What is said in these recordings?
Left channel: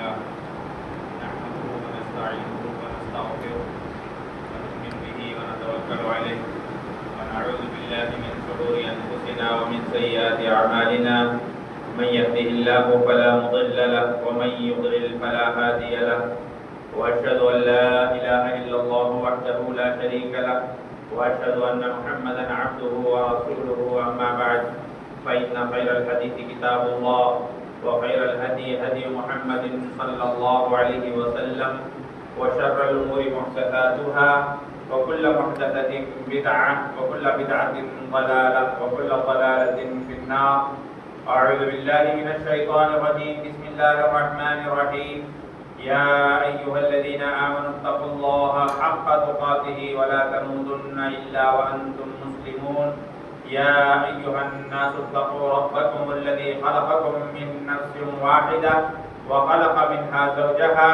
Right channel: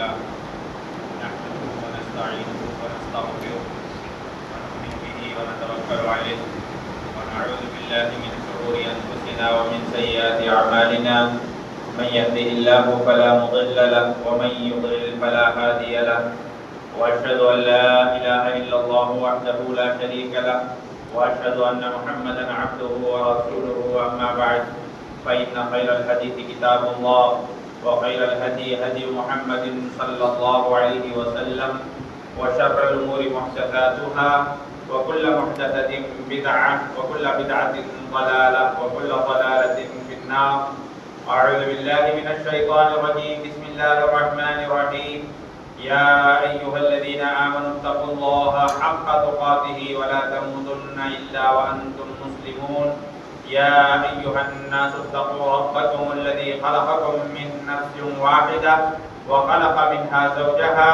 لله نحمده ونستعينه ونستغفره ونؤمن به ونتوكل عليه ونعوذ بالله من شرور أنفسنا ومن سيئات أعمالنا من يهده الله فلا مضل له ومن يضلل فلا هادي له وأشهد أن لا إله إلا الله وحده لا شريك له وأشهد أن محمدا عبده ورسوله أما بعد فإن خير الحديث كتاب الله وخير الهدي هدي محمد صلى الله عليه وسلم وشر الأمور محدثاتها وكل محدثة بدعة وكل بدعة ضلالة وكل ضلالة في النار. أعوذ بالله من الشيطان الرجيم. بسم الله الرحمن الرحيم. يا أيها الذين آمنوا اتقوا الله حق تقاته ولا تموتن إلا وأنتم مسلمون. يا أيها الناس اتقوا ربكم الذي خلقكم من نفس واحدة وخلق منها زوجها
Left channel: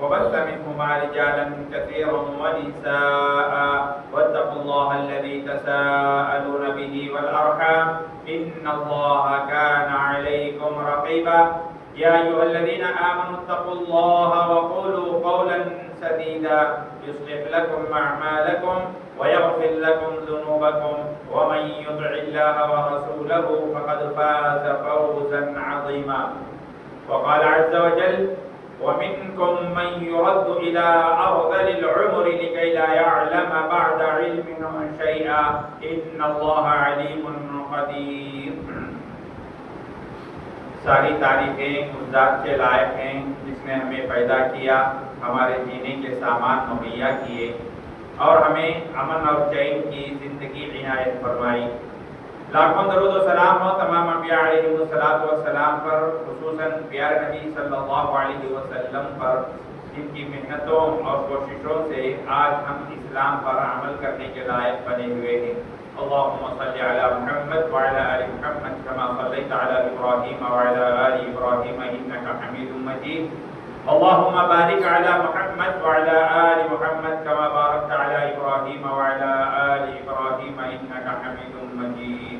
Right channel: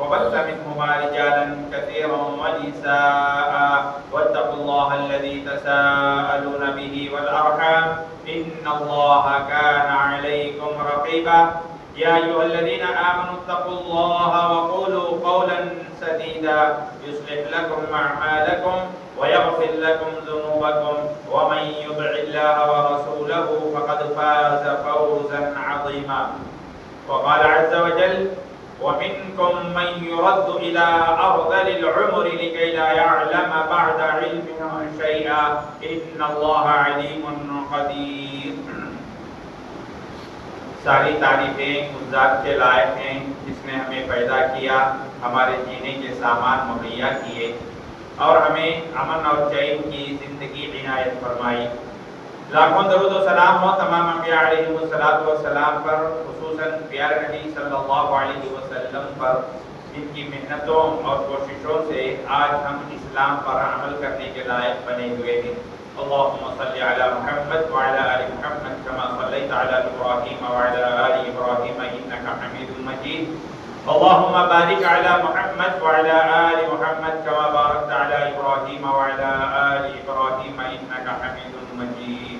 وبث منهما رجالا كثيرا ونساء واتقوا الله الذي تساءلون به والأرحام إن الله كان عليكم رقيبا. يا أيها الذين آمنوا اتقوا الله وقولوا قولا سديدا يصلح لكم أعمالكم ويغفر لكم ذنوبكم ومن يطع الله ورسوله فقد فاز فوزا عظيما. وقال عز وجل ومنكم من يرد إلى أرذل العمر لكي لا يعلم بعد علم شيئا إن الله عليم قدير. ساری تعریفیں اس ذات کے لائق ہیں جس نے ہمیں پیدا کیا، ہمارے جینے کے سامان مہیا کیے اور ہمیں امن اور چین کی زندگی عنایت فرمائی. لاکھوں درود و سلام ہو تمام انبیاء علیہ السلام پر، خصوصاً پیارے نبی صلی اللہ علیہ وسلم پر، جن کی محنتوں اور کوششوں سے آج ہم اسلام پر عمل کرنے کے لائق بنے ہوئے ہیں. اللهم صل على محمد وعلى آل محمد كما صليت على إبراهيم وعلى آل إبراهيم إنك حميد مجيد. اللهم بارك على محمد وعلى آل محمد كما باركت على إبراهيم وعلى آل إبراهيم إنك حميد مجيد.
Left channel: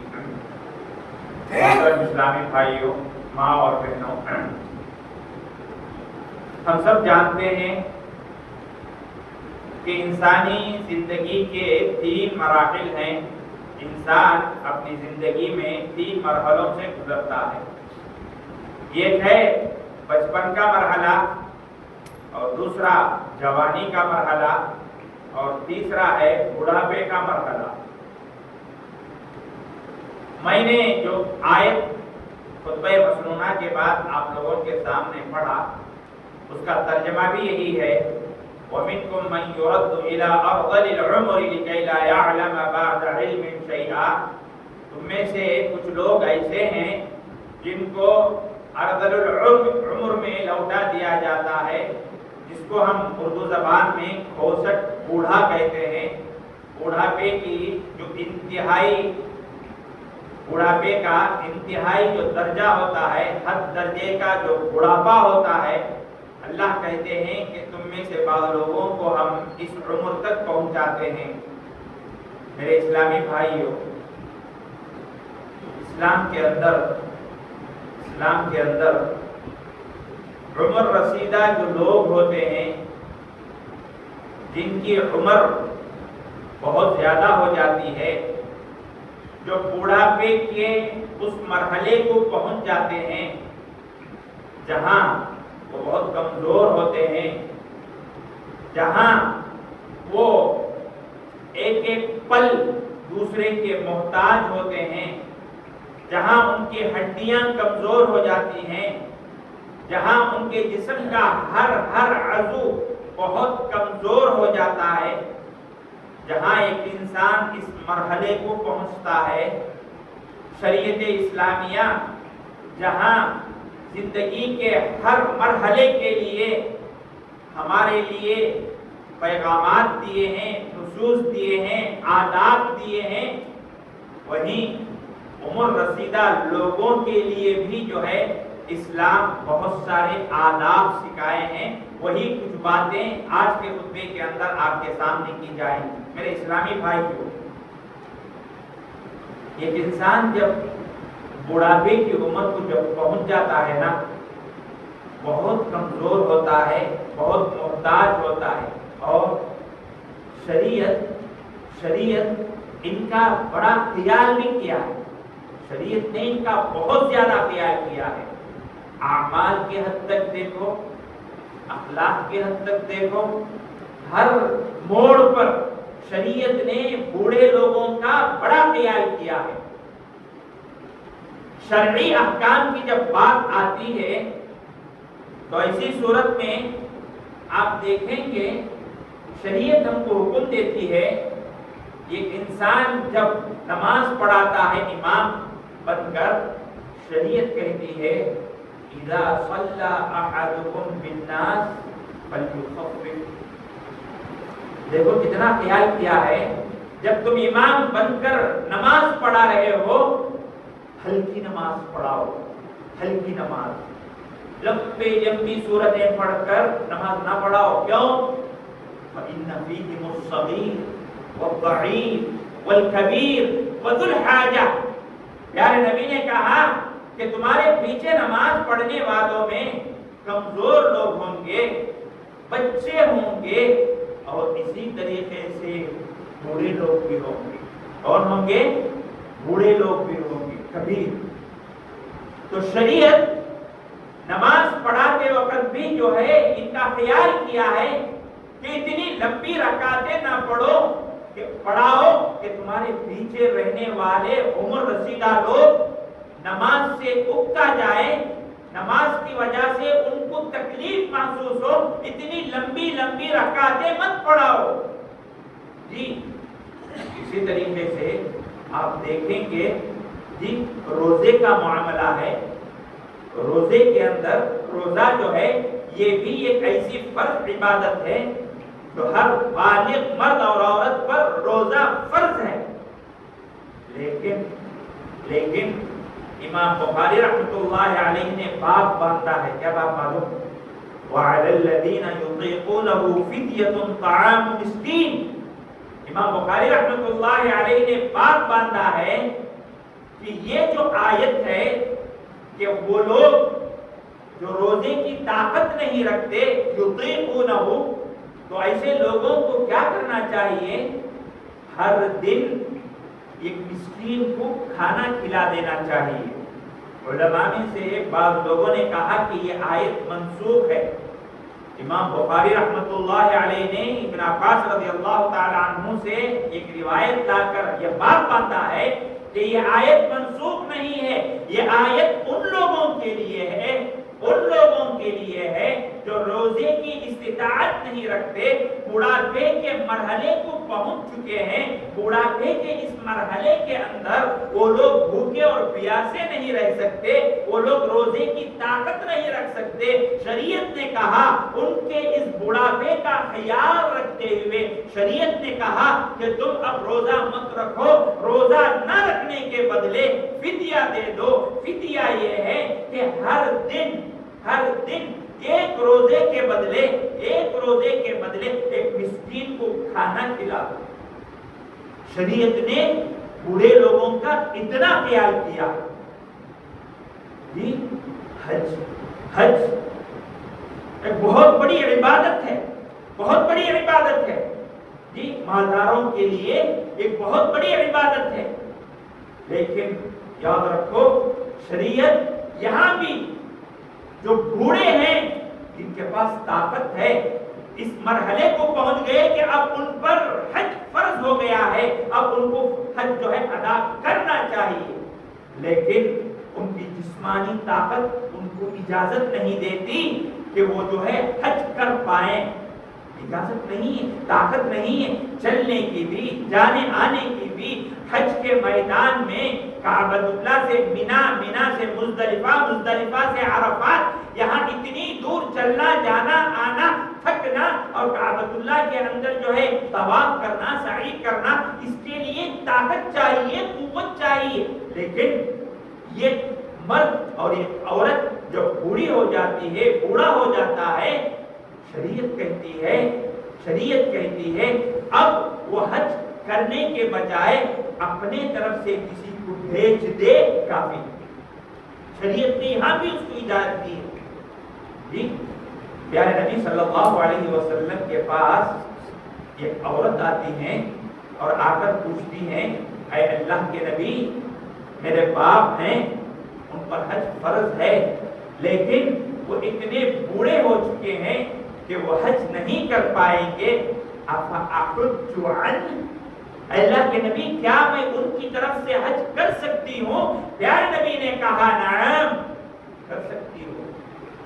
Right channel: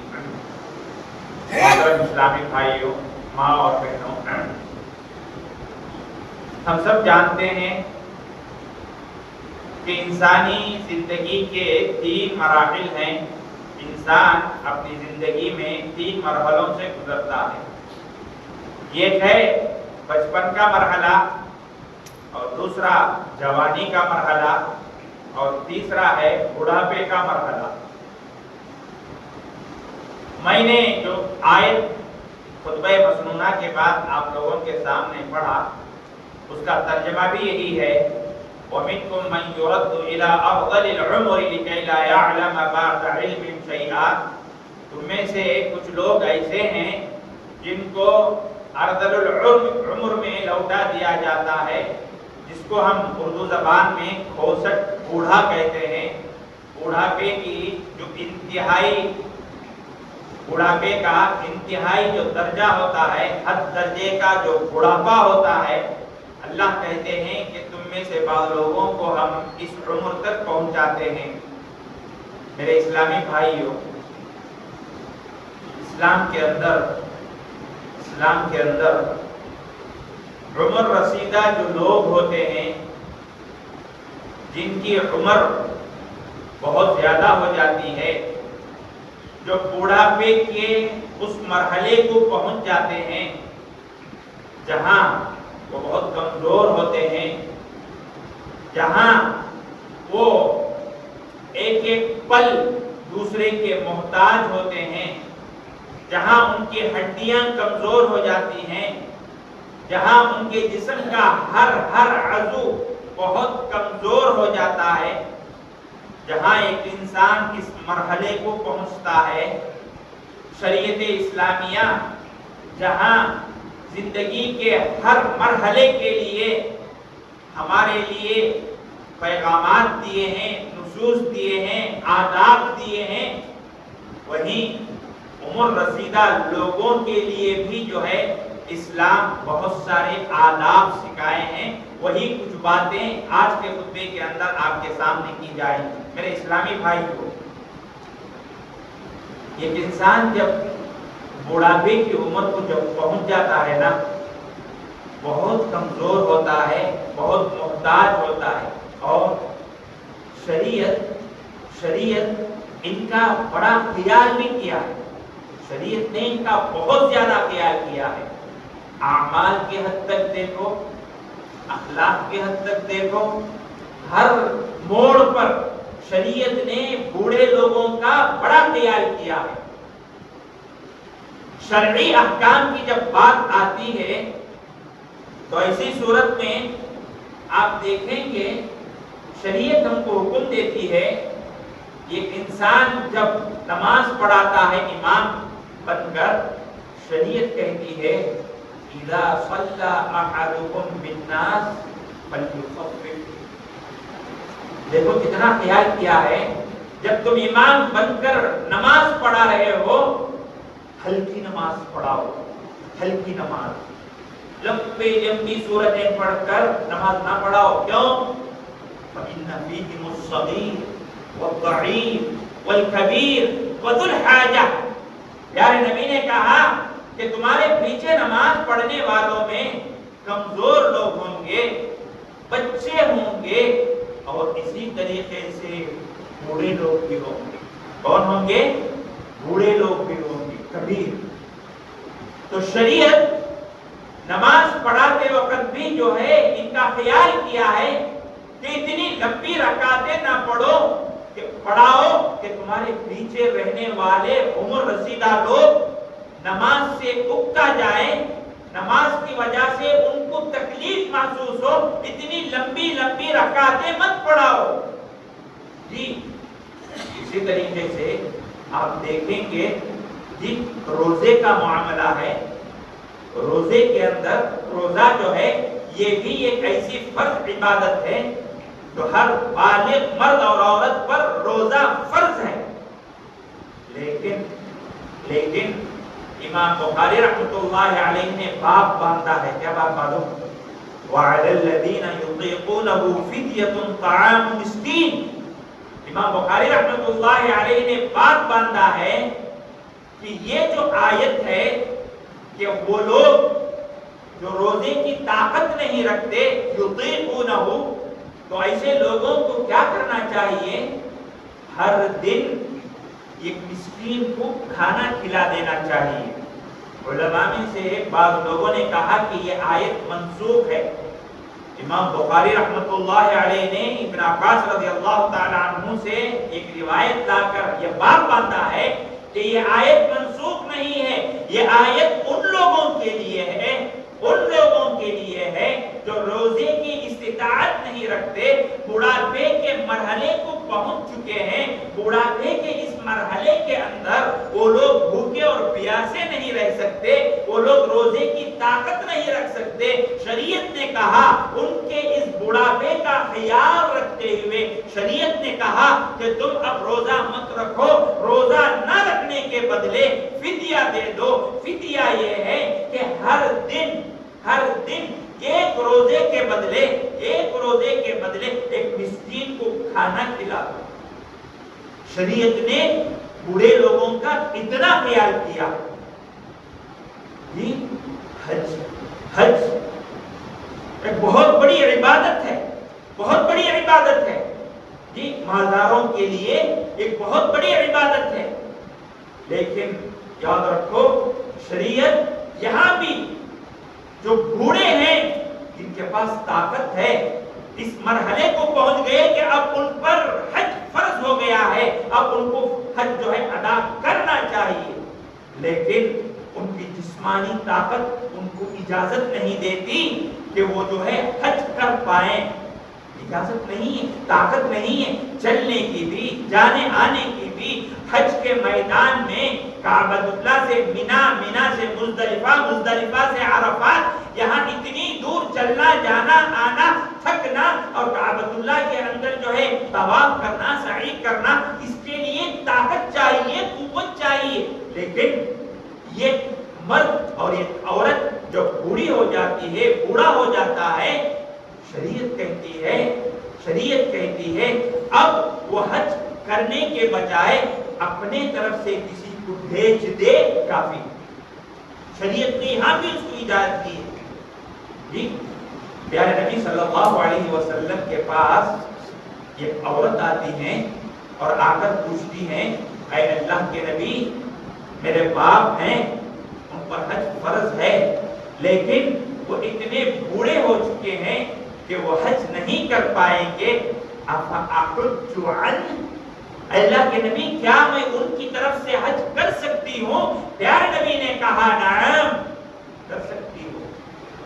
محترم اسلامی بھائیوں، ماں اور بہنوں، ہم سب جانتے ہیں کہ انسانی زندگی کے 3 مراحل ہیں. انسان اپنی زندگی میں 3 مرحلوں سے گزرتا ہے. ایک ہے بچپن کا مرحلہ، اور دوسرا جوانی کا مرحلہ، اور تیسرا ہے بڑھاپے کا مرحلہ. میں نے جو آیت خطبہ مسنونہ کے بعد آپ لوگوں کے سامنے پڑھا، اس کا ترجمہ بھی یہی ہے. وَمِنْكُمْ مَنْ يُرَدُّ إِلَىٰ أَرْذَلِ الْعُمُرِ لِكَيْ لَا يَعْلَمَ بَعْدَ عِلْمٍ شَيْئًا. تم میں سے کچھ لوگ ایسے ہیں جن کو ارذل العمر میں لوٹا دیا جاتا ہے، جس کو ہم اردو زبان میں کھوسٹ بوڑھا کہتے ہیں. بوڑھاپے کی جو بوڑھاپے کا انتہائی جو درجہ ہوتا ہے، حد درجے کا جو بڑھاپا ہوتا ہے، اللہ کہتے ہیں کہ تم میں سے بعض لوگوں کو ہم اس عمر تک پہنچاتے ہیں. میرے اسلامی بھائیوں، اسلام کے اندر عمر رسیدہ جو لوگ ہوتے ہیں، جن کی عمر بہت زیادہ ہو جاتی ہے، جو بوڑھاپے کے اس مرحلے کو پہنچ جاتے ہیں جہاں وہ بہت کمزور ہوتے ہیں، جہاں وہ ایک ایک پل دوسرے کے محتاج ہوتے ہیں، جہاں ان کی ہڈیاں کمزور ہو جاتی ہیں، جہاں ان کے جسم کا ہر عضو بہت کمزور ہو جاتا ہے، جہاں ایک انسان اس مرحلے کو پہنچتا ہے، شریعت اسلامیہ جہاں زندگی کے ہر مرحلے کے لیے ہمارے لیے پیغامات دیے ہیں، نصوص دیے ہیں، آداب دیے ہیں، وہیں عمر رسیدہ لوگوں کے لیے بھی جو ہے اسلام بہت سارے آداب سکھائے ہیں. وہی کچھ باتیں آج کے خطبے کے اندر آپ کے سامنے کی جائیں. میرے اسلامی بھائیوں، ایک انسان جب بڑھاپے کی عمر کو جب پہنچ جاتا ہے نا، بہت کمزور ہوتا ہے، بہت محتاج ہوتا ہے، اور شریعت ان کا بڑا خیال بھی کیا ہے، شریعت نے ان کا بہت زیادہ خیال کیا ہے۔ اعمال کی حد تک دیکھو، اخلاق کی حد تک دیکھو، ہر موڑ پر شریعت نے بوڑھے لوگوں کا بڑا خیال کیا ہے۔ شرعی احکام کی جب بات آتی ہے تو ایسی صورت میں آپ دیکھیں گے شریعت ہم کو حکم دیتی ہے، ایک انسان جب نماز پڑھاتا ہے امام بن کر، شریعت کہتی ہے اذا صلى احدكم بالناس فليخفف۔ دیکھو کتنا خیال کیا ہے، جب تم امام بن کر نماز پڑھا رہے ہو ہلکی نماز پڑھاؤ، ہلکی نماز، لمبی سورتیں پڑھ کر نماز نہ پڑھاؤ۔ کیوں؟ فإن فيهم الصغير والضعيف والكبير وذو الحاجة۔ پیارے نبی نے کہا کہ تمہارے پیچھے نماز پڑھنے والوں میں کمزور لوگ ہوں گے، بچے ہوں گے، اور اسی طریقے سے بوڑھے لوگ بھی ہوں گے۔ کون ہوں گے؟ بوڑھے لوگ بھی ہوں گے، کبیر۔ تو شریعت نماز پڑھاتے وقت بھی جو ہے ان کا خیال کیا ہے کہ اتنی لمبی رکعتیں نہ پڑھو، کہ پڑھاؤ کہ تمہارے پیچھے رہنے والے عمر رسیدہ لوگ نماز سے اکتا جائے، نماز کی وجہ سے ان کو تکلیف محسوس ہو، اتنی لمبی رکعتیں مت پڑھاؤ۔ جی اسی طریقے سے آپ دیکھیں گے جی روزے کا معاملہ ہے، روزے کے اندر روزہ جو ہے یہ بھی ایک ایسی فرض عبادت ہے جو ہر بالغ مرد اور عورت پر روزہ فرض ہے، لیکن امام بخاری رحمۃ اللہ علیہ نے باب باندھا ہے۔ کیا باب معلوم؟ وَعَلَى الَّذِينَ يُطِيقُونَهُ فِدْيَةٌ طَعَامُ مِسْكِينٍ۔ امام بخاری رحمۃ اللہ علیہ نے باب باندھا ہے کہ یہ جو آیت ہے کہ وہ لوگ جو روزے کی طاقت نہیں رکھتے، یطیقونہ، تو ایسے لوگوں کو کیا کرنا چاہیے؟ ہر دن ایک مسکین کو کھانا کھلا دینا چاہیے۔ علماء میں سے بعض لوگوں نے کہا کہ یہ آیت منسوخ ہے۔ امام بخاری رحمۃ اللہ علیہ نے ابن عباس رضی اللہ تعالی عنہ سے ایک روایت لا کر یہ بات باندھا ہے کہ یہ آیت منسوخ نہیں ہے، یہ آیت ان لوگوں کے لیے ہے جو روزے کی استطاعت نہیں رکھتے، بڑھاپے کے مرحلے کو پہنچ چکے ہیں، بڑھاپے کے اس مرحلے کے اندر وہ لوگ بھوکے اور پیاسے نہیں رہ سکتے، وہ لوگ روزے کی طاقت نہیں رکھ سکتے۔ شریعت نے کہا ان کے اس بڑھاپے کا خیال رکھتے ہوئے شریعت نے کہا کہ تم اب روزہ مت رکھو، روزہ نہ رکھنے کے بدلے فدیہ دے دو۔ فدیہ یہ ہے کہ ہر دن ایک روزے کے بدلے ایک مسکین کو کھانا کھلا دو۔ شریعت نے بوڑھے لوگوں کا اتنا خیال کیا۔ جی حج ایک بہت بڑی عبادت ہے، جی مالداروں کے لیے ایک بہت بڑی عبادت ہے، لیکن یاد رکھو شریعت یہاں بھی جو بوڑھے ہیں جن کے پاس طاقت ہے، اس مرحلے کو پہنچ گئے کہ اب ان پر حج فرض ہو گیا ہے، اب ان کو حج جو ہے ادا کرنا چاہیے، لیکن ان کی جسمانی طاقت ان کو اجازت نہیں دیتی کہ وہ جو ہے حج کر پائیں، اجازت نہیں ہے، طاقت نہیں ہے چلنے کی بھی، جانے آنے کی بھی۔ حج کے میدان میں کعبۃ اللہ سے مینا سے مزدلفہ سے عرفات، یہاں اتنی دور چلنا، جانا آنا، تھکنا، اور کعبۃ اللہ کے اندر جو ہے طواف کرنا، سعی کرنا، اس کے لیے طاقت چاہیے، قوت چاہیے۔ لیکن یہ مرد اور یہ عورت جو بوڑھی ہو جاتی ہے، بوڑھا ہو جاتا ہے، شریعت کہتی ہے اب وہ حج کرنے کے بجائے اپنے طرف سے کسی کو بھیج دے، کافی۔ شریعت نے یہاں بھی اس کی اجازت دی ہے۔ جی پیارے نبی صلی اللہ علیہ وسلم کے پاس ایک عورت آتی ہے اور آ کر پوچھتی ہیں اے اللہ کے نبی میرے باپ ہیں ان پر حج فرض ہے لیکن وہ اتنے بوڑھے ہو چکے ہیں کہ وہ حج نہیں کر پائیں گے افاحج عنہ اللہ کے نبی کیا میں ان کی طرف سے حج کر سکتی ہوں؟ پیارے نبی نے کہا نعم کر سکتی ہو۔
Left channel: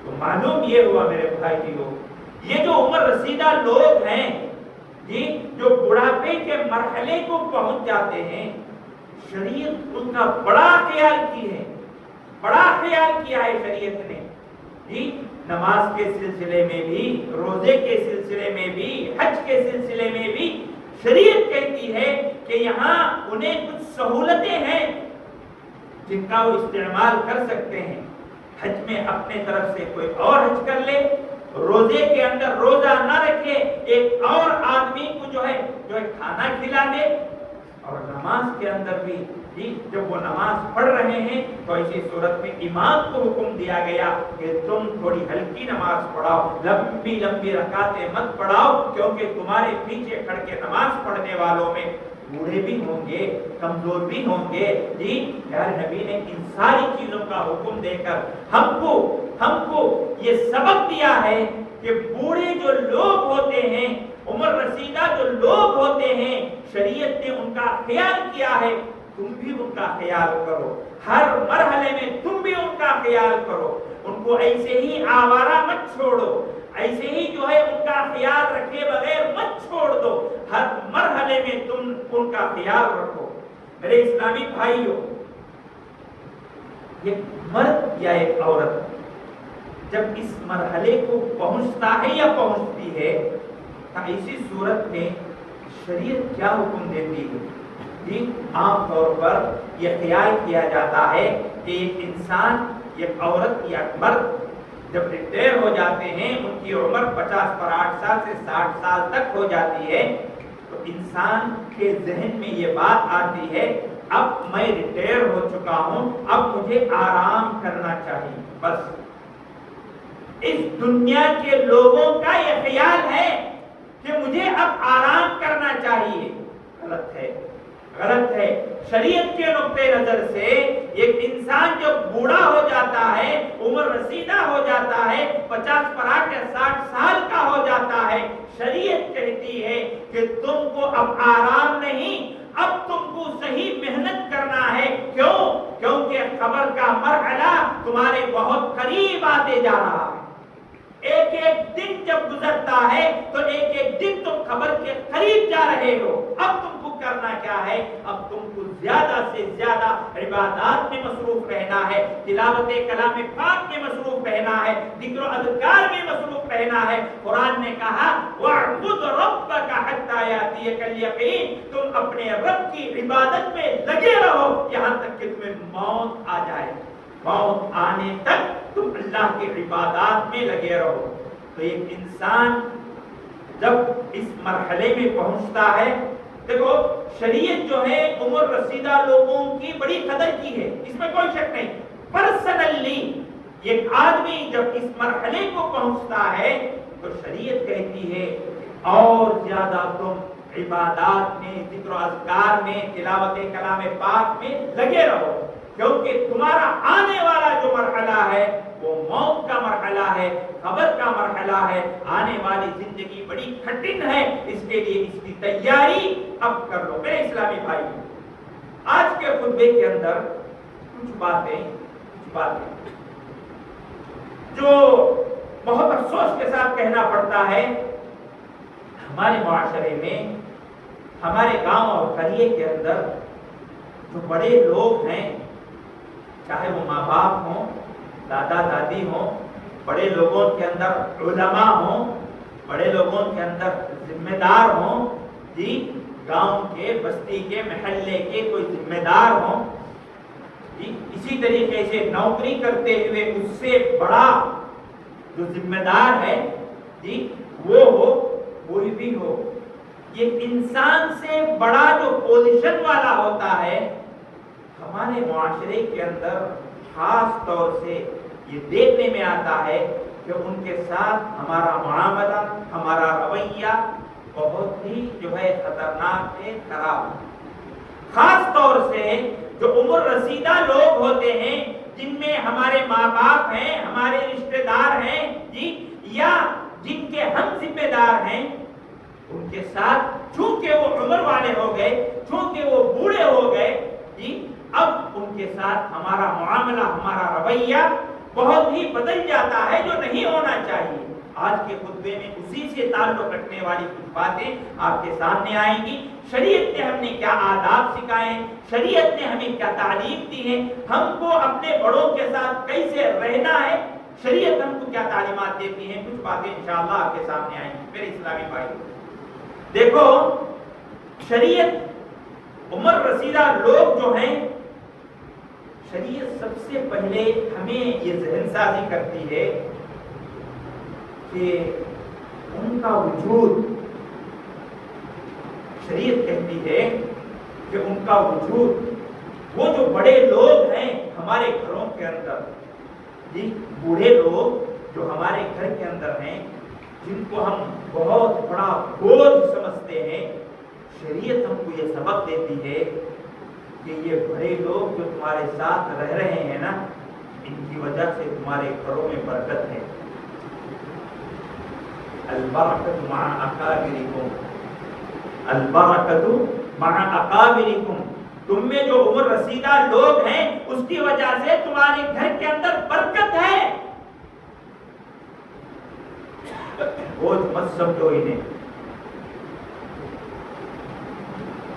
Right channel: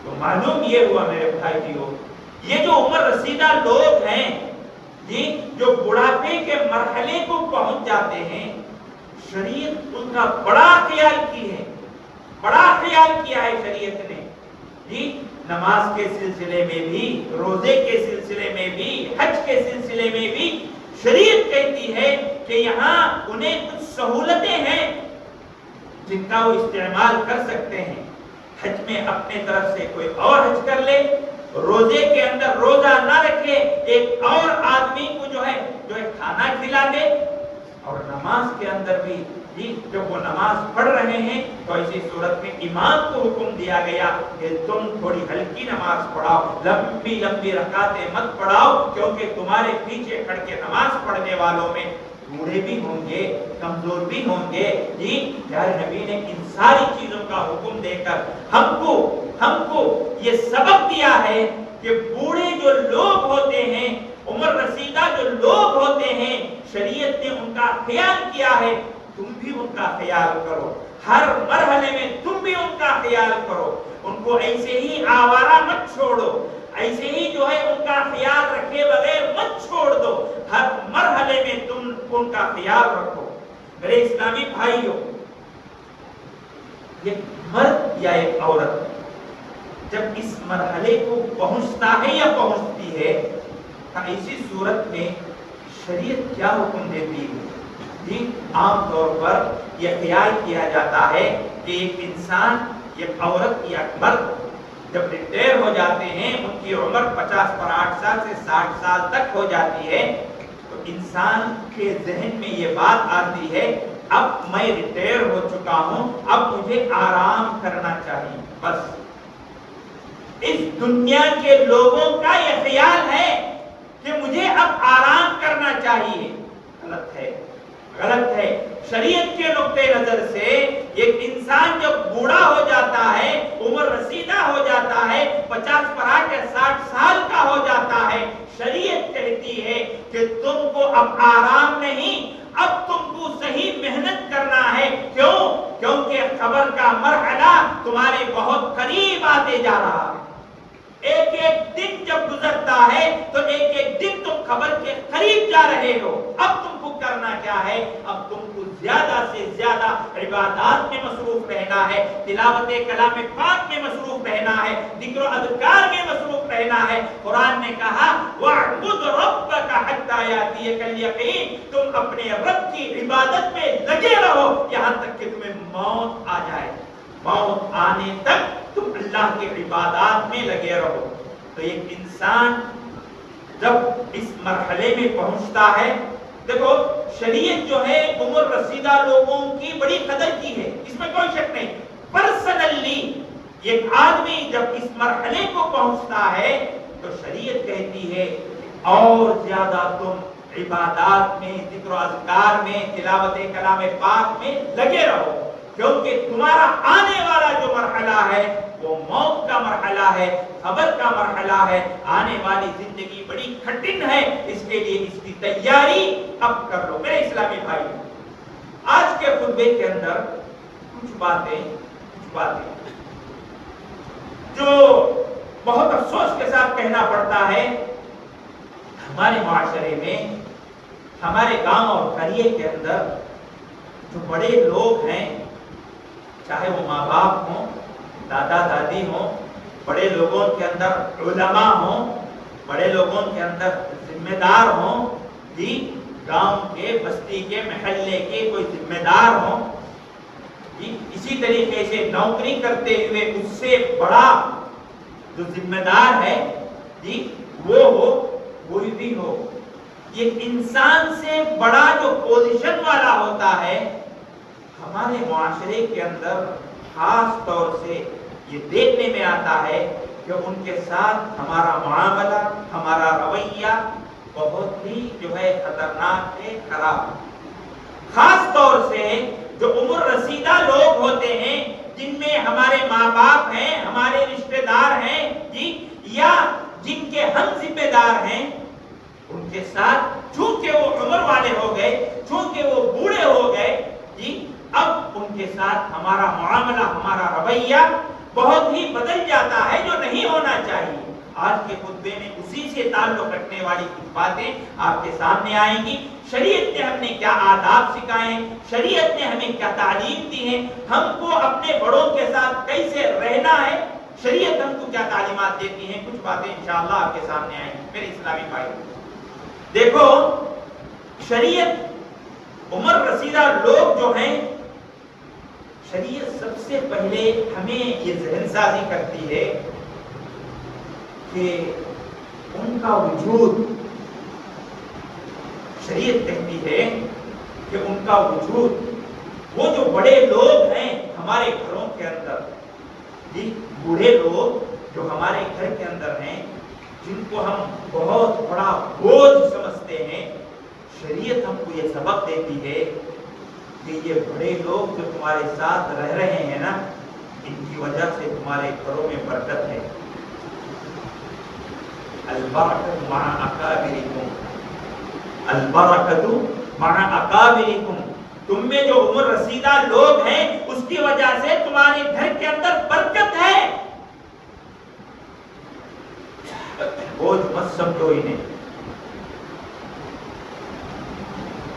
تو معلوم یہ ہوا میرے بھائیو یہ جو عمر رسیدہ لوگ ہیں جی جو بڑھاپے کے مرحلے کو پہنچ جاتے ہیں شریعت ان کا بڑا خیال کی ہے، بڑا خیال کیا ہے شریعت نے جی نماز کے سلسلے میں بھی، روزے کے سلسلے میں بھی، حج کے سلسلے میں بھی شریعت کہتی ہے کہ یہاں انہیں کچھ سہولتیں ہیں جن کا وہ استعمال کر سکتے ہیں۔ حج میں اپنے طرف سے کوئی اور حج کر لے، روزے کے اندر روزہ نہ رکھے، ایک اور آدمی کو جو ہے کھانا کھلا دے، اور نماز کے اندر بھی جی جب وہ نماز پڑھ رہے ہیں تو ایسی صورت میں امام کو حکم دیا گیا کہ تم تھوڑی ہلکی نماز پڑھاؤ، لمبی لمبی رکعتیں مت پڑھاؤ، کیونکہ تمہارے پیچھے کھڑ کے نماز پڑھنے والوں میں بوڑھے بھی ہوں گے، کمزور بھی ہوں گے جی پیارے نبی نے ان ساری چیزوں کا حکم دے کر ہم کو یہ سبق دیا ہے کہ بوڑھے جو لوگ ہوتے ہیں، عمر رسیدہ جو لوگ ہوتے ہیں، شریعت نے ان کا خیال کیا ہے، تم بھی ان کا خیال کرو، ہر مرحلے میں تم بھی ان کا خیال کرو، ان کو ایسے ہی آوارہ مت چھوڑو، ایسے ہی جو ہے ان کا خیال رکھے بغیر مت چھوڑ دو، ہر مرحلے میں تم ان کا خیال رکھو۔ میرے اسلامی بھائیوں ایک مرد یا ایک عورت جب اس مرحلے کو پہنچتا ہے یا پہنچتی ہے تو اسی صورت میں شریعت کیا حکم دیتی ہے جی عام طور پر یہ خیال کیا جاتا ہے کہ ایک انسان ایک عورت یا مرد جب ریٹائر ہو جاتے ہیں ان کی عمر 50 سال سے 60 سال تک ہو جاتی ہے تو انسان کے ذہن میں یہ بات آتی ہے اب میں ریٹائر ہو چکا ہوں، اب مجھے آرام کرنا چاہیے۔ بس اس دنیا کے لوگوں کا یہ خیال ہے کہ مجھے اب آرام کرنا چاہیے، غلط ہے، غلط ہے۔ شریعت کے نقطۂ نظر سے ایک انسان جب بوڑھا ہو جاتا ہے، عمر رسیدہ ہو جاتا ہے، 50 یا 60 سال کا ہو جاتا ہے، شریعت کہتی ہے کہ تم کو اب آرام نہیں، اب تم کو صحیح محنت کرنا ہے۔ کیوں؟ کیونکہ خبر کا مرحلہ تمہارے بہت قریب آتے جا رہا ہے۔ ایک ایک دن جب گزرتا ہے تو ایک ایک دن تم خبر کے قریب جا رہے ہو۔ اب تم کو کرنا کیا ہے؟ اب تم کو زیادہ سے زیادہ عبادات میں مصروف رہنا ہے، تلاوت کلام پاک میں مصروف رہنا ہے، ذکر و اذکار میں مصروف رہنا ہے۔ قرآن نے کہا وَاعْبُدْ رَبَّكَ حَتَّىٰ يَأْتِيَكَ الْيَقِينُ، تم اپنے رب کی عبادت میں لگے رہو یہاں تک کہ تمہیں موت آ جائے، موت آنے تک تم اللہ کے عبادات میں لگے رہو۔ تو ایک انسان جب اس مرحلے میں پہنچتا ہے، دیکھو شریعت جو ہے عمر رسیدہ لوگوں کی بڑی قدر کی ہے، اس میں کوئی شک نہیں۔ پرسنلی ایک آدمی جب اس مرحلے کو پہنچتا ہے تو شریعت کہتی ہے اور زیادہ تم عبادات میں، ذکر و اذکار میں، تلاوت کلام پاک میں لگے رہو، کیونکہ تمہارا آنے والا جو مرحلہ ہے وہ موت کا مرحلہ ہے، قبر کا مرحلہ ہے، آنے والی زندگی بڑی کٹھن ہے، اس کے لیے اس کی تیاری اب کر لو۔ میرے اسلامی بھائی آج کے خطبے کے اندر کچھ باتیں جو بہت افسوس کے ساتھ کہنا پڑتا ہے، ہمارے معاشرے میں، ہمارے گاؤں اور قریے کے اندر جو بڑے لوگ ہیں، چاہے وہ ماں باپ ہوں، دادا دادی ہوں، بڑے لوگوں کے اندر علماء ہوں، بڑے لوگوں کے اندر ذمہ دار ہوں جی، گاؤں کے، بستی کے، محلے کے کوئی ذمہ دار ہوں جی، اسی طریقے سے نوکری کرتے ہوئے اس سے بڑا جو ذمہ دار ہے جی وہ ہو، کوئی بھی ہو، یہ انسان سے بڑا جو پوزیشن والا ہوتا ہے، ہمارے معاشرے کے اندر خاص طور سے یہ دیکھنے میں آتا ہے کہ ان کے ساتھ ہمارا معاملہ، ہمارا رویہ بہت ہی جو ہے خطرناک ہے، خراب ہے۔ خاص طور سے جو عمر رسیدہ لوگ ہوتے ہیں، جن میں ہمارے ماں باپ ہیں، ہمارے رشتہ دار ہیں جی، یا جن کے ہم ذمہ دار ہیں، ان کے ساتھ چونکہ وہ عمر والے ہو گئے، چونکہ وہ بوڑھے ہو گئے جی، اب ان کے ساتھ ہمارا معاملہ، ہمارا رویہ بہت ہی بدل جاتا ہے، جو نہیں ہونا چاہیے۔ آج کے خطبے میں اسی سے تعلق رکھنے والی کچھ باتیں آپ کے سامنے آئیں گی۔ شریعت نے ہمیں کیا آداب سکھائے ہیں، شریعت نے ہمیں کیا تعلیم دی ہے، ہم کو اپنے بڑوں کے ساتھ کیسے رہنا ہے، شریعت ہم کو کیا تعلیمات دیتی ہیں، کچھ باتیں انشاءاللہ آپ کے سامنے آئیں گی۔ میرے اسلامی بھائی دیکھو، شریعت عمر رسیدہ لوگ جو ہیں، شریعت سب سے پہلے ہمیں یہ ذہن سازی کرتی ہے کہ ان کا وجود، شریعت کہتی ہے کہ ان کا وجود، وہ جو بڑے لوگ ہیں ہمارے گھروں کے اندر جی، بوڑھے لوگ جو ہمارے گھر کے اندر ہیں، جن کو ہم بہت بڑا بوجھ سمجھتے ہیں، شریعت ہم کو یہ سبق دیتی ہے کہ یہ بڑے لوگ جو تمہارے ساتھ رہ رہے ہیں نا، ان کی وجہ سے تمہارے گھروں میں برکت ہے۔ البرکۃ مع اکابرکم، البرکۃ مع اکابرکم، تم میں جو عمر رسیدہ لوگ ہیں اس کی وجہ سے تمہارے گھر کے اندر برکت ہے۔ بوجھ مت سمجھو انہیں۔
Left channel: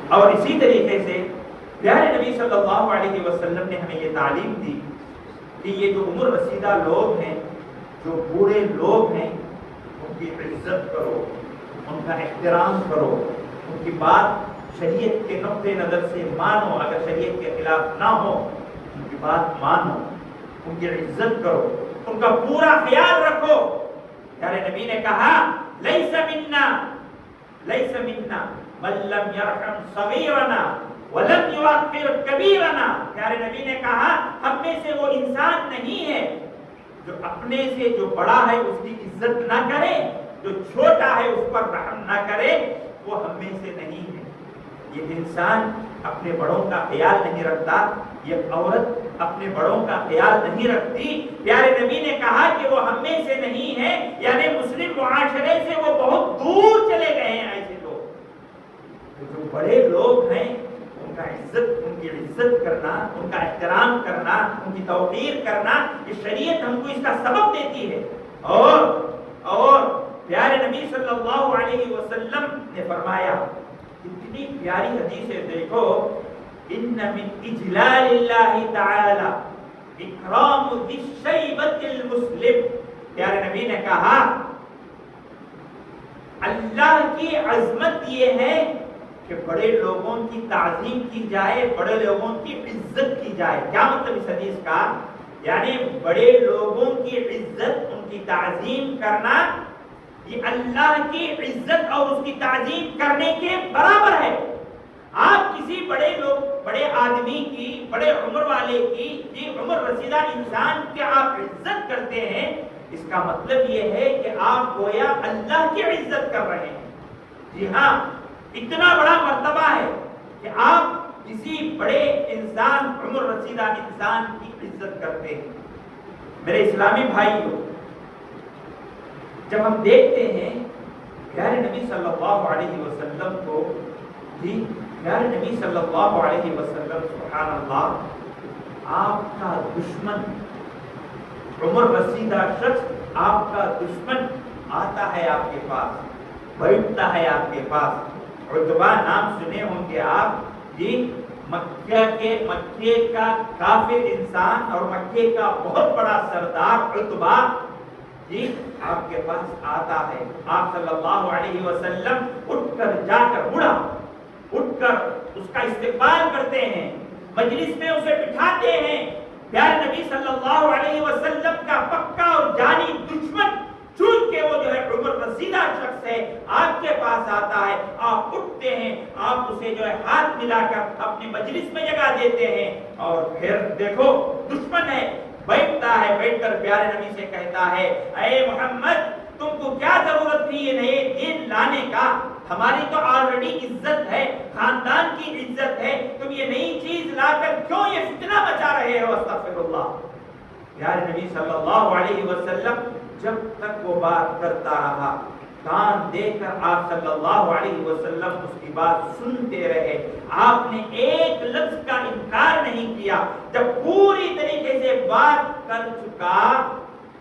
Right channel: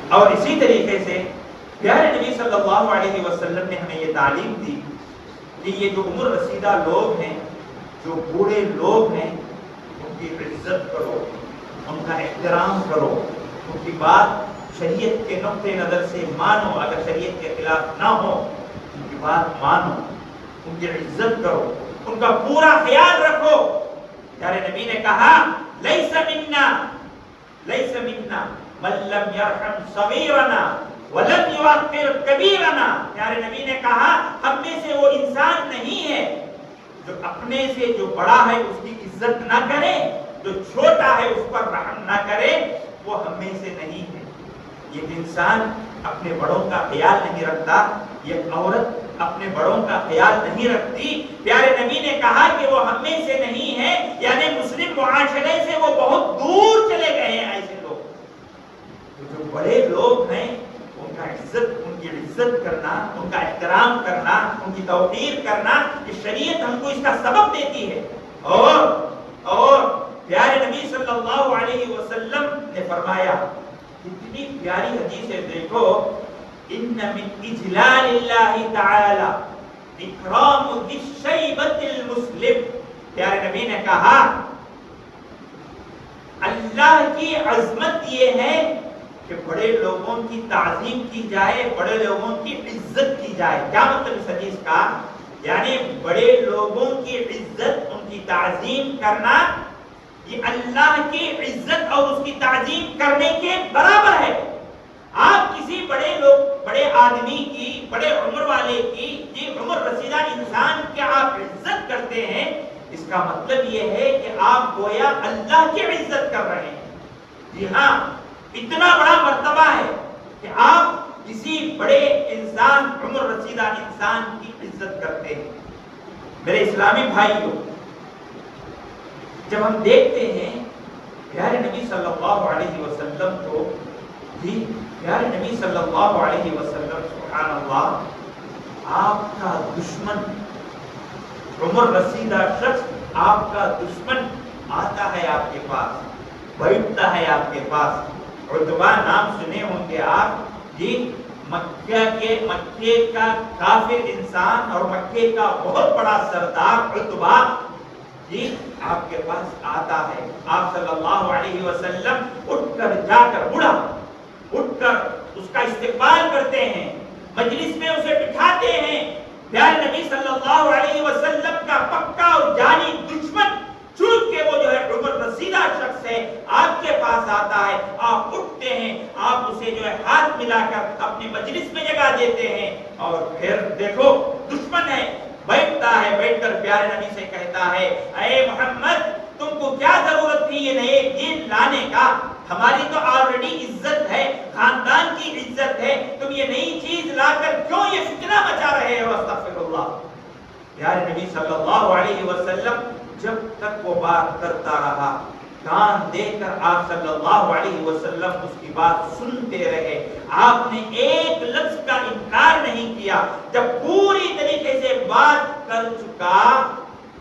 اور اسی طریقے سے پیارے نبی صلی اللہ علیہ وسلم نے ہمیں یہ تعلیم دی کہ یہ جو عمر رسیدہ لوگ ہیں، جو بوڑھے لوگ ہیں، ان کی عزت کرو، ان کا احترام کرو، ان کی بات شریعت کے نقطہ نظر سے مانو، اگر شریعت کے خلاف نہ ہو ان کی بات مانو، ان کی عزت کرو، ان کا پورا خیال رکھو۔ پیارے نبی نے کہا لیس منا، لیس منا من لم یرحم صغیرنا ولم یوقر کبیرنا۔ پیارے نبی نے کہا ہم میں سے وہ انسان نہیں ہے جو اپنے سے جو بڑا ہے اس کی عزت نہ کرے، جو چھوٹا ہے اس پر رحم نہ کرے، وہ ہم میں سے نہیں ہے۔ یہ انسان اپنے بڑوں کا خیال نہیں رکھتا، یہ عورت اپنے بڑوں کا خیال نہیں رکھتی۔ پیارے نبی نے کہا کہ وہ ہم میں سے نہیں ہے، یعنی مسلم معاشرے سے وہ بہت دور چلے گئے ہیں ایسے لوگ۔ جو بڑے لوگ ہیں ان کا عزت، ان کی عزت کرنا، ان کا احترام کرنا، ان کی توقیر کرنا، یہ شریعت ہم کو اس کا سبب دیتی ہے۔ اور پیارے نبی صلی اللہ علیہ وسلم نے فرمایا، اتنی پیاری حدیث ہے، دیکھو، ان من اجلال اللہ تعالی اکرام ذی الشیبۃ المسلم۔ پیارے نبی نے کہا اللہ کی عظمت یہ ہے کہ بڑے لوگوں کی تعظیم کی جائے، بڑے لوگوں کی عزت کی جائے۔ کیا مطلب اس حدیث کا؟ یعنی بڑے لوگوں کی عزت، ان کی تعظیم کرنا، یہ اللہ کی عزت اور اس کی تعظیم کرنے کے برابر ہے۔ آپ کسی بڑے لوگ، بڑے آدمی کی، بڑے عمر والے کی، جی عمر رسیدہ انسان کی آپ عزت کرتے ہیں، اس کا مطلب یہ ہے کہ آپ گویا اللہ کی عزت کر رہے ہیں۔ جی ہاں، اتنا بڑا مرتبہ ہے کہ آپ کسی بڑے انسان، عمر رسیدہ انسان کی عزت کرتے ہیں۔ میرے اسلامی بھائیوں، جب ہم دیکھتے ہیں پیارے نبی صلی اللہ علیہ وسلم کو، جی پیارے نبی صلی اللہ علیہ وسلم، سبحان اللہ، آپ کا دشمن، عمر رسیدہ شخص آپ کا دشمن آتا ہے آپ کے پاس، بیٹھتا ہے آپ کے پاس۔ عتبہ نام سنے ہوں گے آپ، جی مکے کا کافر انسان اور مکے کا بہت بڑا سردار عتبہ، جی آپ کے پاس آتا ہے۔ آپ صلی اللہ علیہ وسلم اٹھ کر جا کر، بڑھا اٹھ کر اس کا استقبال کرتے ہیں، مجلس میں اسے بٹھاتے ہیں۔ پیارے نبی صلی اللہ علیہ وسلم کا پکا اور جانی دشمن، چونکہ وہ جو ہے عمر رسیدہ شخص شخص ہے آپ کے پاس آتا ہے، آپ اٹھتے ہیں، آپ اسے جو ہے ہاتھ ملا کر اپنی مجلس میں جگہ دیتے ہیں، اور پھر دیکھو دشمن ہے، بیٹھتا ہے، بیٹھ کر پیارے نبی سے کہتا ہے اے محمد تم کو کیا ضرورت تھی یہ نئے دین لانے کا؟ ہماری تو آلریڈی عزت ہے، خاندان کی عزت ہے، تم یہ نئی چیز لا کر کیوں یہ فتنہ مچا رہے ہو؟ استغفر اللہ۔ پیارے نبی صلی اللہ علیہ وسلم جب تک وہ بات کرتا رہا، کان دے کر آپ صلی اللہ علیہ وسلم اس کی بات سنتے رہے، آپ نے ایک لفظ کا انکار نہیں کیا۔ جب پوری طریقے سے بات کر چکا،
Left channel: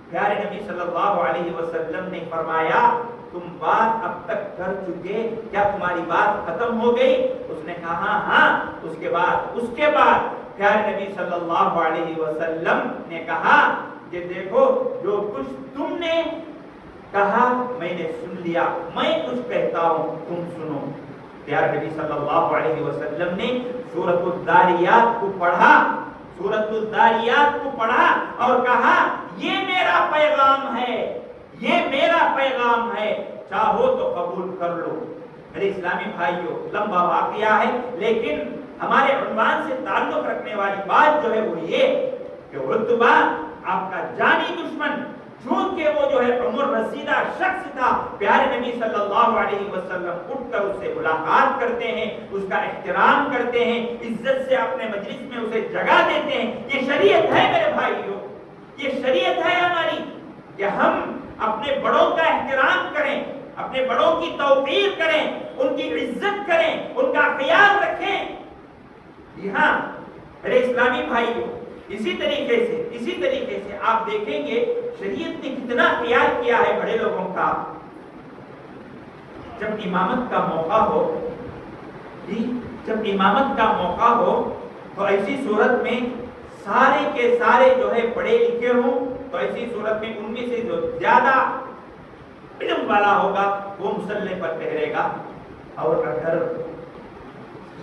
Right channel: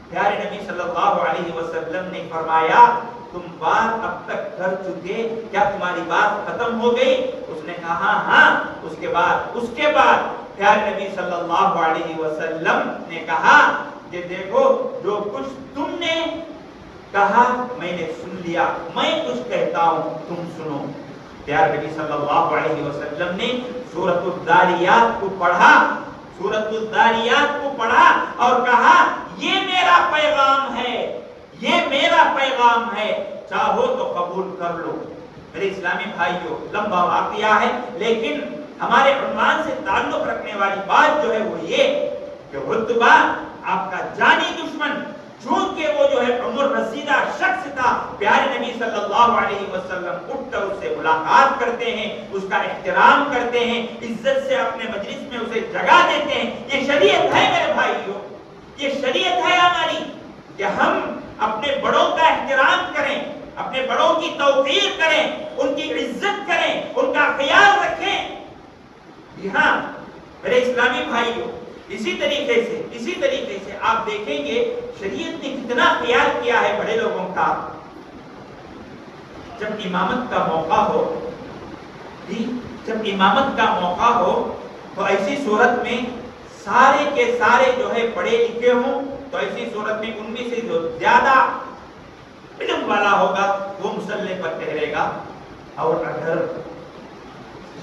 پیارے نبی صلی اللہ علیہ وسلم نے فرمایا تم بات اب تک کر چکے، کیا تمہاری بات ختم ہو گئی؟ اس نے کہا ہاں۔ اس کے بعد پیارے نبی صلی اللہ علیہ وسلم نے کہا کہ دیکھو جو کچھ تم نے کہا میں نے سن لیا، میں کچھ کہتا ہوں تم سنو۔ پیارے نبی صلی اللہ علیہ وسلم نے سورۃ الذاریات کو پڑھا، سورۃ الذاریات کو پڑھا اور کہا یہ میرا پیغام ہے، یہ میرا پیغام ہے، چاہو تو قبول کر لو۔ میرے اسلامی بھائیوں، لمبا واقعہ ہے لیکن ہمارے عنوان سے تعلق رکھنے والی بات جو ہے وہ یہ کہ عتبہ آپ کا جانی دشمن، چونکہ وہ جو ہے عمر رسیدہ شخص تھا، پیارے نبی صلی اللہ علیہ وسلم اٹھ کر اس سے ملاقات کرتے ہیں، اس کا احترام کرتے ہیں، عزت سے اپنے مجلس میں اسے جگہ دیتے ہیں۔ یہ شریعت ہے میرے بھائیوں، یہ شریعت ہے ہماری کہ ہم اپنے بڑوں کا احترام کریں، اپنے بڑوں کی توقیر کریں، ان کی عزت کریں، ان کا خیال رکھیں۔ جی ہاں میرے اسلامی بھائیوں، اسی طریقے سے آپ دیکھیں گے شریعت نے کتنا خیال کیا ہے بڑے لوگوں کا۔ جب امامت کا موقع ہو، جب امامت کا موقع ہو تو ایسی صورت میں سارے کے سارے جو ہے پڑھے لکھے ہوں، تو ایسی صورت میں ان میں سے جو زیادہ علم والا ہوگا وہ مصلی پر ٹھہرے گا، اور اگر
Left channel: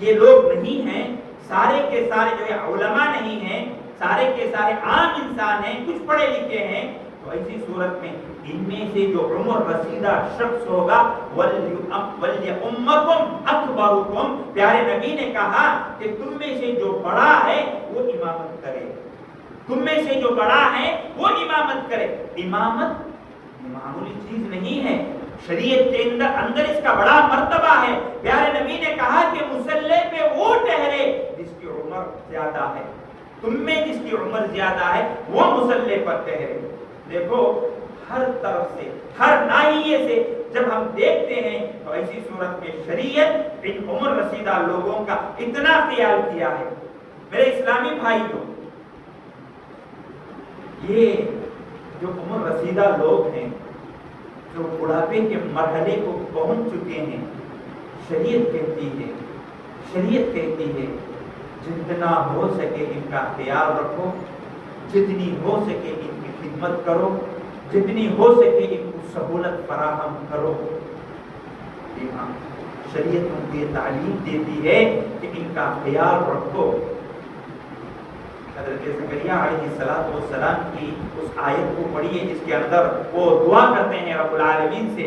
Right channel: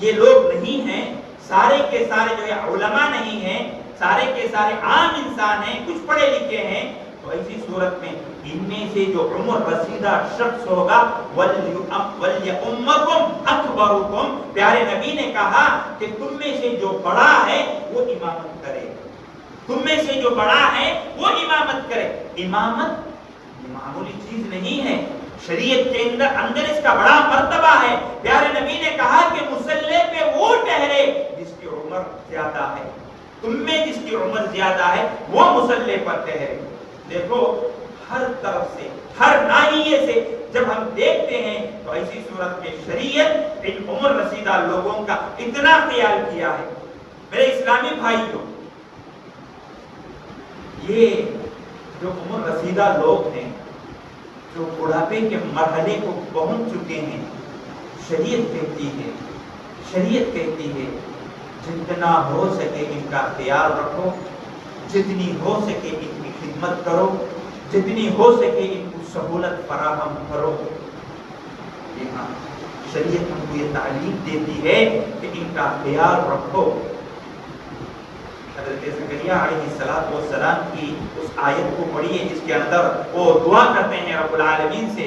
یہ لوگ نہیں ہیں، سارے کے سارے جو ہے علماء نہیں ہیں، سارے کے سارے عام انسان ہیں، کچھ پڑھے لکھے ہیں، تو ایسی صورت میں ان میں سے جو عمر رسیدہ شخص ہوگا وَلْيَؤُمَّكُمْ أَكْبَرُكُمْ، پیارے نبی نے کہا کہ تم میں سے جو بڑا ہے وہ امامت کرے، تم میں سے جو بڑا ہے وہ امامت کرے۔ امامت معمولی چیز نہیں ہے، شریعت کے اندر اس کا بڑا مرتبہ ہے۔ پیارے نبی نے کہا کہ مصلی پہ وہ ٹھہرے جس کی عمر زیادہ ہے، تم میں جس کی عمر زیادہ ہے وہ مصلی پر ٹھہرے۔ دیکھو ہر طرف سے، ہر ناحیے سے جب ہم دیکھتے ہیں تو ایسی صورت میں شریعت ان عمر رسیدہ لوگوں کا اتنا خیال کیا ہے۔ میرے اسلامی بھائیوں، یہ جو عمر رسیدہ لوگ ہیں، جو بڑھاپے کے مرحلے کو پہنچ چکے ہیں، شریعت کہتی ہے جتنا ہو سکے ان کا خیال رکھو، جتنی ہو سکے ان کی خدمت کرو، جتنی ہو سکے ان کو سہولت فراہم کرو۔ جی ہاں، شریعت ہم کو یہ تعلیم دیتی ہے کہ ان کا خیال رکھو۔ حضرت زکریا علیہ السلام کی اس آیت کو پڑھیے جس کے اندر وہ دعا کرتے ہیں رب العالمین سے،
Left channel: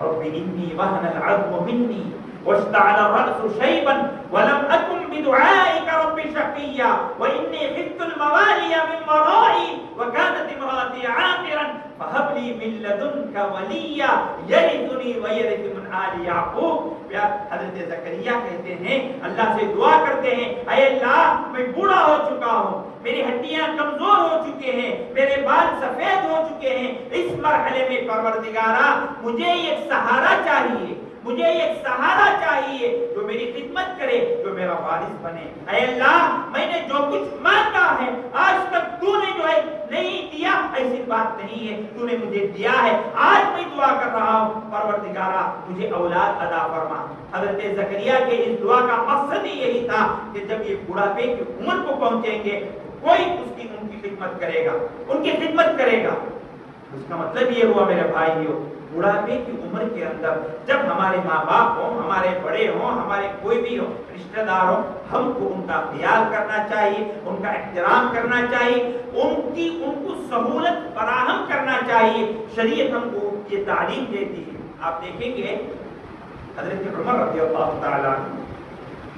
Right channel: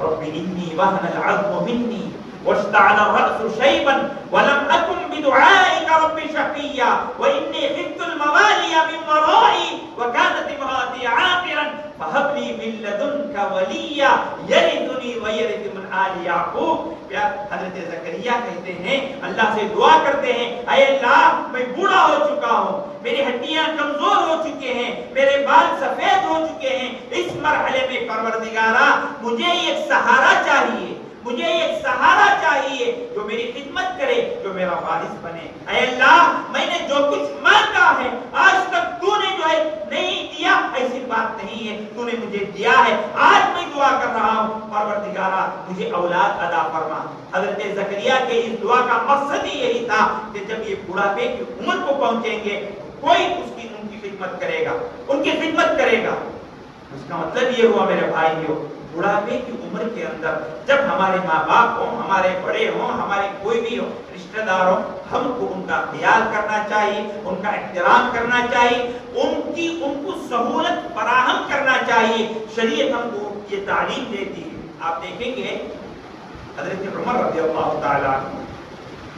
رب انی وہن العظم منی واشتعل الرأس شیبا ولم اکن بدعائک رب شقیا وانی خفت الموالی من ورائی وکانت امراتی عاقرا فہب لی من لدنک ولیا یرثنی ویرث من آل یعقوب۔ حضرت زکریا کہتے ہیں، اللہ سے دعا کرتے ہیں، اے اللہ میں بوڑھا ہو چکا ہوں، میری ہڈیاں کمزور ہو چکے ہیں، میرے بال سفید ہو چکے ہیں، اس مرحلے میں پروردگارا مجھے ایک سہارا چاہیے، مجھے ایک سہارا چاہیے جو میری خدمت کرے، جو میرا وارث بنے۔ اے اللہ میں نے جو کچھ مانگا ہے آج تک تو نے جو ہے نہیں دیا، ایسی بات نہیں ہے، تو نے مجھے دیا ہے، آج میں دعا کر رہا ہوں پروردگارا مجھے اولاد عطا فرما۔ حضرت زکریا کے اس دعا کا مقصد ہی یہی تھا کہ جب یہ بڑھاپے کی عمر کو پہنچیں گے کوئی ان کی خدمت کرے گا، ان کی خدمت کرے گا۔ اس کا مطلب یہ ہوا میرے بھائیوں، بڑھاپے کی عمر کے اندر جب ہمارے ماں باپ ہوں، ہمارے بڑے ہوں، ہمارے کوئی بھی ہو رشتہ دار ہوں، ہم کو ان کا خیال کرنا چاہیے، ان کا احترام کرنا چاہیے، ان کو سہولت فراہم کرنا چاہیے۔ شریعت ہم کو یہ تعلیم دیتی ہے۔ آپ دیکھیں گے حضرت عمر رضی اللہ تعالیٰ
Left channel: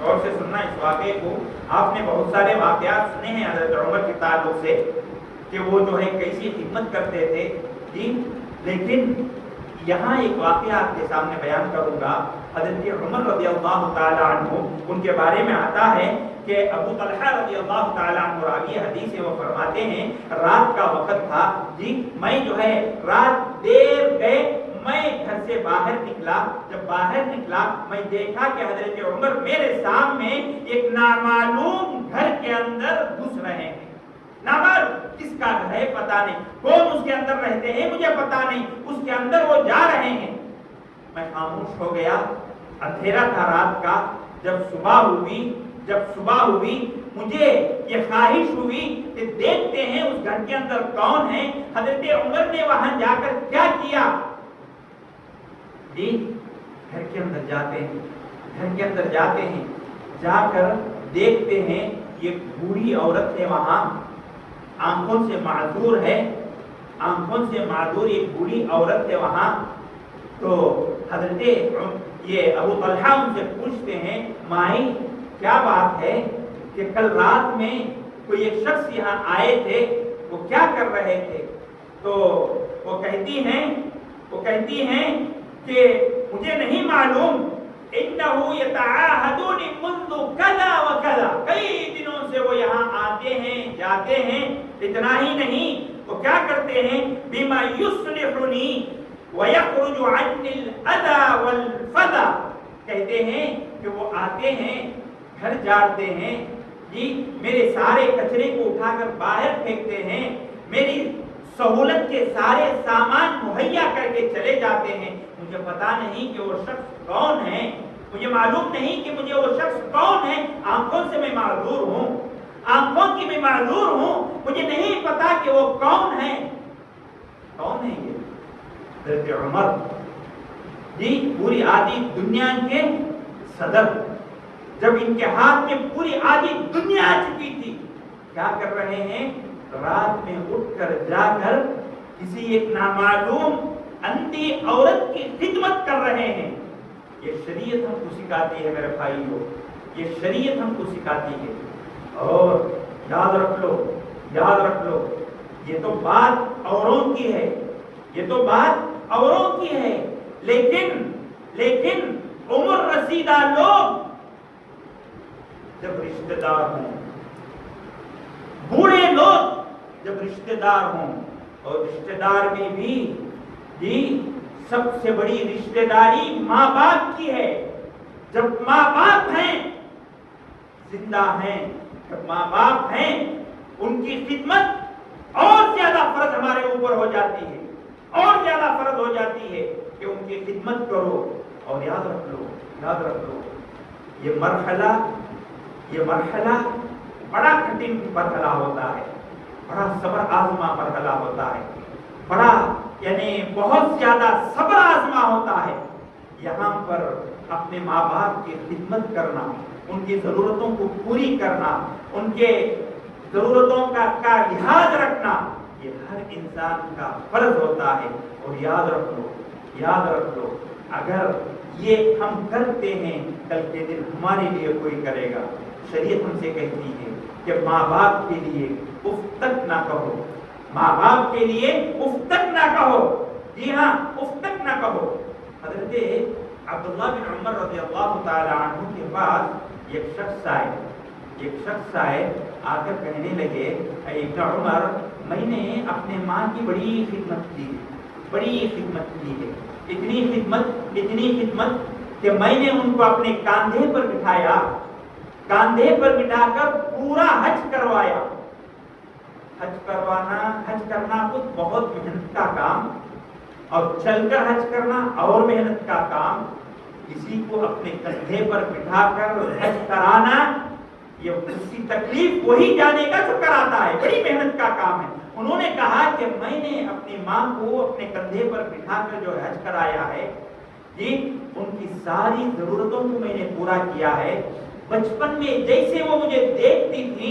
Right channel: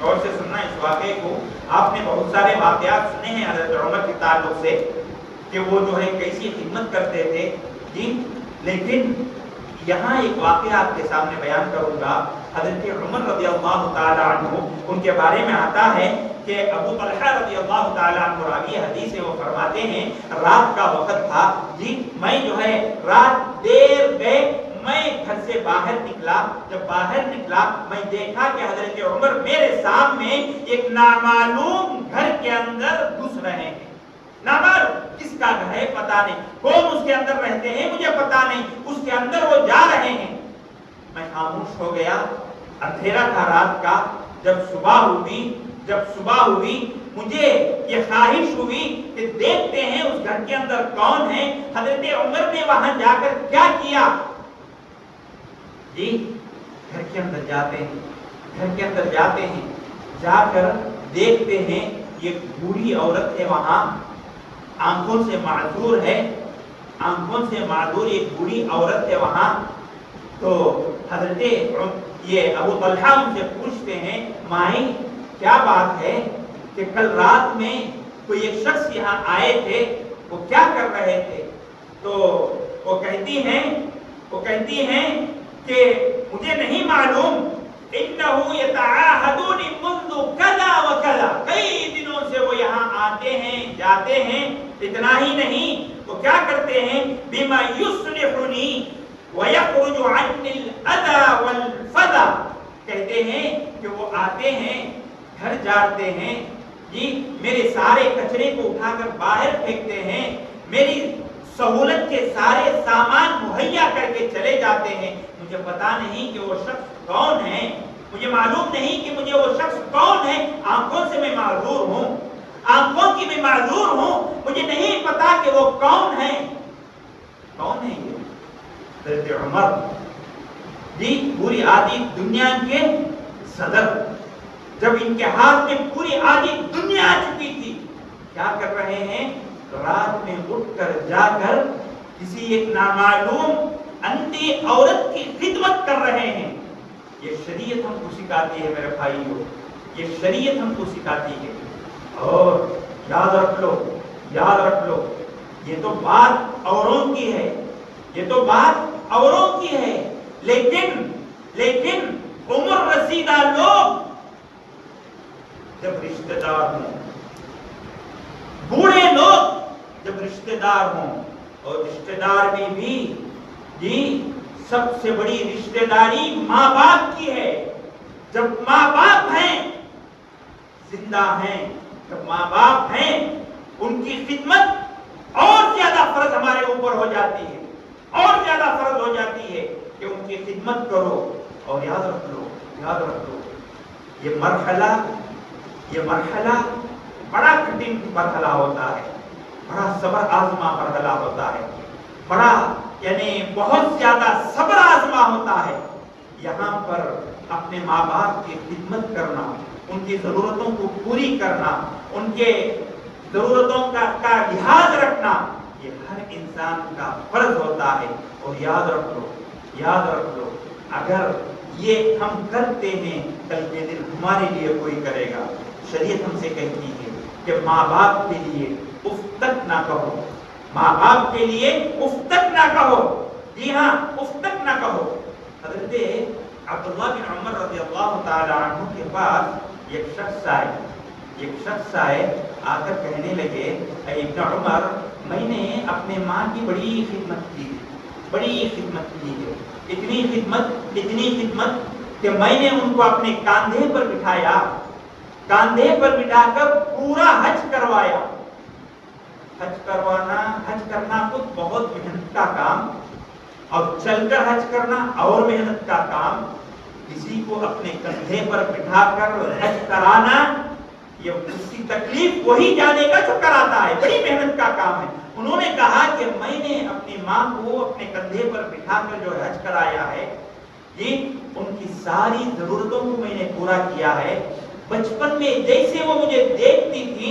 غور سے سننا اس واقعے کو. آپ نے بہت سارے واقعات سنے ہیں حضرت عمر کے تعلق سے کہ وہ جو ہے کیسی خدمت کرتے تھے جی. لیکن یہاں ایک واقعہ آپ کے سامنے بیان کروں گا. حضرت عمر رضی اللہ تعالیٰ عنہ ان کے بارے میں آتا ہے کہ ابو طلحہ رضی اللہ تعالیٰ عنہ راوی حدیث ہے، وہ فرماتے ہیں رات کا وقت تھا جی. میں جو ہے رات دیر گئے، میں گھر سے باہر نکلا. جب باہر نکلا میں دیکھا کہ حضرت عمر میرے سامنے ایک نامعلوم گھر کے اندر گھس رہے ہیں. نامعلوم کس کا گھر ہے پتہ نہیں، کون اس کے اندر رہتے ہیں مجھے پتہ نہیں، اس کے اندر وہ جا رہے ہیں. میں خاموش ہو گیا. اندھیرا تھا رات کا. جب صبح ہوئی مجھے یہ خواہش ہوئی کہ دیکھتے ہیں اس گھر کے اندر کون ہے. حضرت عمر نے وہاں جا کر کیا کیا جی؟ گھر کے اندر جاتے ہیں، جا کر دیکھتے ہیں یہ بوڑھی عورت ہے وہاں، آنکھوں سے معذور ایک بوڑھی عورت ہے وہاں. تو حضرت یہ ابو طلحہ ان سے پوچھتے ہیں مائی کیا بات ہے کہ کل رات میں کوئی ایک شخص یہاں آئے تھے، وہ کیا کر رہے تھے؟ تو وہ کہتی ہیں کہ مجھے نہیں معلوم. انہو یتعاہدون منذ کذا و کذا، کئی دنوں سے وہ یہاں آتے ہیں جاتے ہیں. اتنا ہی نہیں، وہ کیا کرتے ہیں بما یصلحنی ویخرج عنی الاذی والفضا، کہتے ہیں کہ وہ آتے ہیں گھر جاتے ہیں جی، میرے سارے کچرے کو اٹھا کر باہر پھینکتے ہیں، میری سہولت کے سارے سامان مہیا کر کے چلے جاتے ہیں. مجھے پتا نہیں کہ وہ شخص کون ہے، مجھے معلوم نہیں کہ مجھے وہ شخص کون ہے. آنکھوں سے میں معذور ہوں، آنکھوں کی بھی معذور ہوں، مجھے نہیں پتا کہ وہ کون ہے. یہ حضرت عمر جی پوری آدھی دنیا کے صدر، جب ان کے ہاتھ میں پوری آدھی دنیا آ چکی تھی، کیا کر رہے ہیں؟ رات میں اٹھ کر جا کر کسی ایک نامعلوم اندھی عورت کی خدمت کر رہے ہیں. یہ شریعت ہم کو سکھاتی ہے میرے بھائیو، یہ شریعت ہم کو سکھاتی ہے. اور یاد رکھ لو یہ تو بات اوروں کی ہے، لیکن عمر رسیدہ لوگ جب رشتہ دار ہوں، بوڑھے لوگ جب رشتہ دار ہوں، اور رشتہ دار میں بھی جی سب سے بڑی رشتہ داری ماں باپ کی ہے. جب ماں باپ ہیں زندہ ہیں، جب ماں باپ ہیں ان کی خدمت اور زیادہ فرض ہمارے اوپر ہو جاتی ہے، کہ ان کی خدمت کرو. اور یاد رکھ لو یہ مرحلہ بڑا کٹھن مرحلہ ہوتا ہے، بڑا صبر آزما مرحلہ ہوتا ہے، بڑا یعنی بہت زیادہ صبر آزما ہوتا ہے. یہاں پر اپنے ماں باپ کی خدمت کرنا، ان کی ضرورتوں کو پوری کرنا، ان کے ضرورتوں کا لحاظ رکھنا، یہ ہر انسان کا فرض ہوتا ہے. اور یاد رکھ لو اگر یہ ہم کرتے ہیں کل کے دن ہمارے لیے کوئی کرے گا. شریعت ہم سے کہتی ہے کہ ماں باپ کے لیے اف تک نہ کہو، ماں باپ کے لیے اف تک نہ کہو. جی ہاں، اف تک نہ کہو. حضرت عبداللہ بن عمر رضی اللہ تعالی عنہ کے پاس ایک شخص آئے، آ کر کہنے لگے اے ابن عمر، میں نے اپنے ماں کی بڑی خدمت کی ہے، اتنی خدمت کہ میں نے ان کو اپنے کاندھے پر بٹھا کر پورا حج کروایا. حج کرنا خود بہت محنت کا کام، اور چل کر حج کرنا اور محنت کا کام. کسی کو اپنے کندھے پر بٹھا کر حج کرانا، یہ اس کی تکلیف وہی جانے گا جو کراتا ہے، بڑی محنت کا کام ہے. انہوں نے کہا کہ میں نے اپنی ماں کو اپنے کندھے پر بٹھا کر جو حج کرایا ہے، یہ ان کی ساری ضرورتوں کو میں نے پورا کیا ہے. بچپن میں جیسے وہ مجھے دیکھتی تھی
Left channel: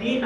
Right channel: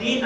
3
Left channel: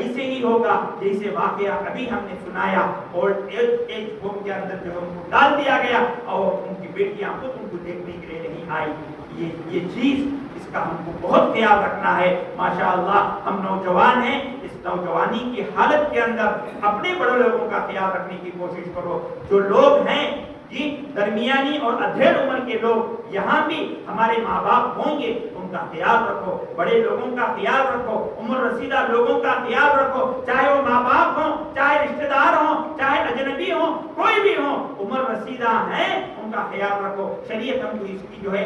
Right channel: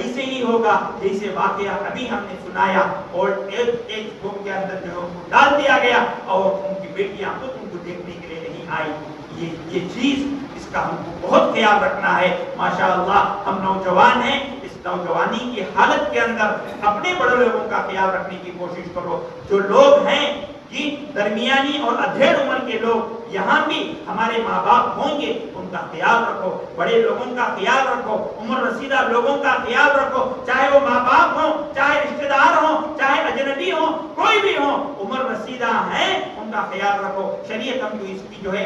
ایسے ہی ہوگا جیسے واقعہ ابھی ہم نے سنایا، اور ایک روم کے اندر جو ان کو ڈال دیا گیا اور ان کی بیٹیاں خود ان کو دیکھنے کے لیے نہیں آئی. یہ چیز اس کا ہم کو بہت خیال رکھنا ہے. ماشاءاللہ ہم نوجوان ہیں، اس نوجوانی کی حالت کے اندر اپنے بڑے لوگوں کا خیال رکھنے کی کوشش کرو. جو لوگ ہیں کہ درمیانی اور ادھیڑ عمر کے لوگ یہاں بھی ہمارے ماں باپ ہوں گے، ان کا خیال رکھو، بڑے لوگوں کا خیال رکھو، عمر رسیدہ لوگوں کا خیال رکھو، چاہے وہ ماں باپ ہوں، چاہے رشتہ دار ہوں، چاہے اجنبی ہوں، کوئی بھی ہوں، عمر رسیدہ ہیں ان کا خیال رکھو. شریعت ہم کو اس کی جو ہے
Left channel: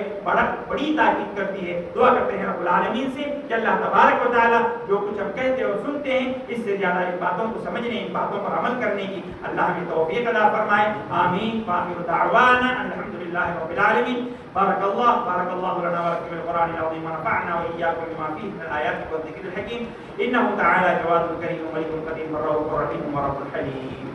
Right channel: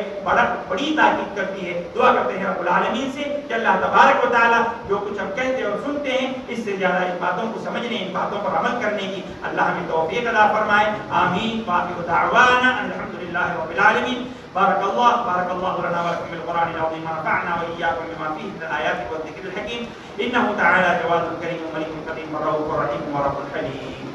بڑی تاکید کرتی ہے. دعا کرتے ہیں رب العالمین سے کہ اللہ تبارک و تعالی جو کچھ ہم کہتے اور سنتے ہیں اس سے زیادہ ان باتوں کو سمجھنے، ان باتوں پر عمل کرنے کی اللہ ہمیں توفیق عطا فرمائے. آمین. وآخر دعوانا الحمد لله رب العالمين. بارك الله لنا ولكم بالقرآن العظيم ونفعنا وإياكم بما فيه من الآيات والذكر الحكيم. إنه تعالى جواد كريم ملك قدير الرؤوف الرحيم ورب الحليم.